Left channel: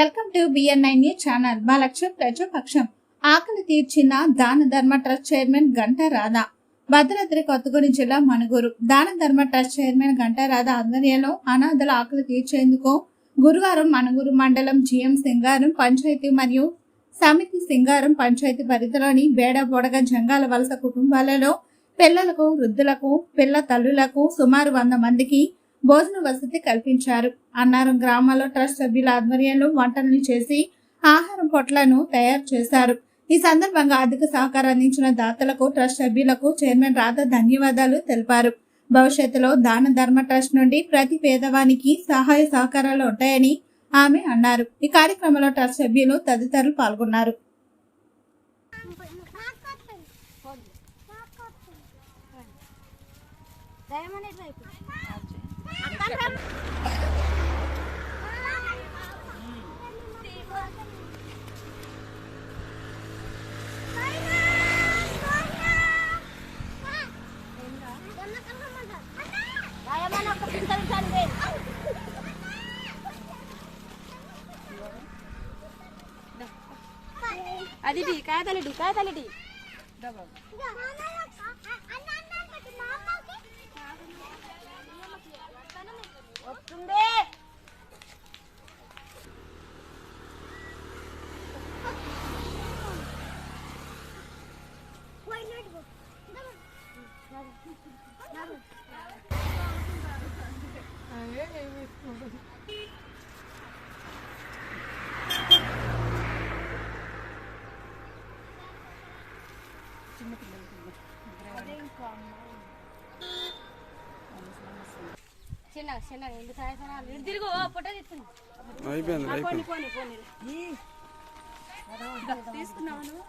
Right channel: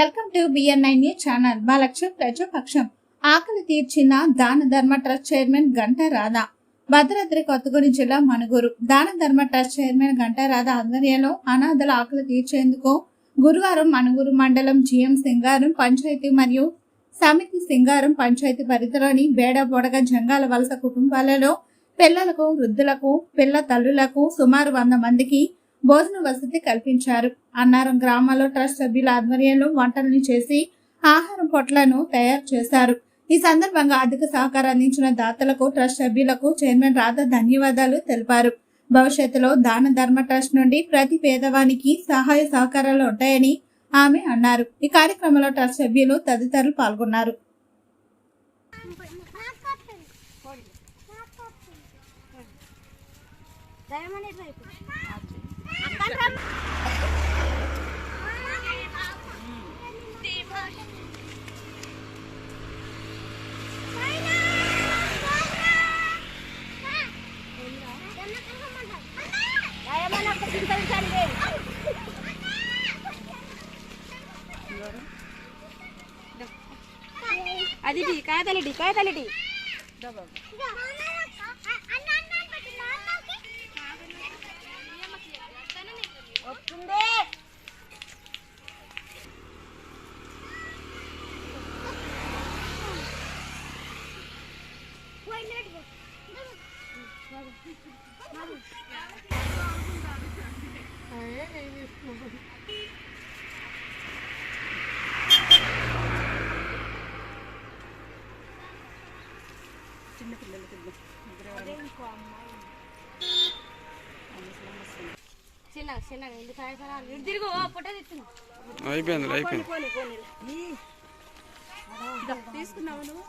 Welcome to BN9 news channel. మా లక్ష్యం ప్రజాపక్షం. ఆకలి తీర్చిన దాన ధర్మ ట్రస్ట్ చైర్మన్ గంటా రాధా. భద్రాద్రి కొత్తగూడెం జిల్లా మణుగూరు దాన ధర్మ ట్రస్ట్ చైర్మన్ గంటా రాధా ఆధ్వర్యంలో అనాథల ఆకలి తీర్చేందుకు గురువారం మణుగూరు మండలం GM సింగారం పంచాయతీ మరియు సమితి సింగారం పంచాయతీ పరిధిలోని బేడబొడగ జంగాల వలస కుటుంబాలలో పిల్లలకు, వృద్ధులకు, పిల్ల తల్లులకు సుమారు 100 మందికి భోజన వసతి కల్పించారు. అన్నారం గ్రామాల్లో ట్రస్ట్ సభ్యుల ఆధ్వర్యంలో వంటలను చేసి ఆహారం పొట్లను తయారు చేశారు. ఈ సందర్భంగా అధిక సహకారం అందించిన దాతలకు, ట్రస్ట్ సభ్యులకు చైర్మన్ రాధా ధన్యవాదాలు తెలిపారు. భవిష్యత్తులో దాన ధర్మ ట్రస్ట్ నుండి ప్రతి పేదవానికి సహాయ సహకారాలు ఉంటాయని ఆమె అన్నారు. ఈ కార్యక్రమంలో ట్రస్ట్ సభ్యులు తదితరులు పాల్గొన్నారు. అది కాయ తల్లి చిన్న పిల్లలు తిరుగు ఫోటో అయిపోయింది తీసుకున్నావు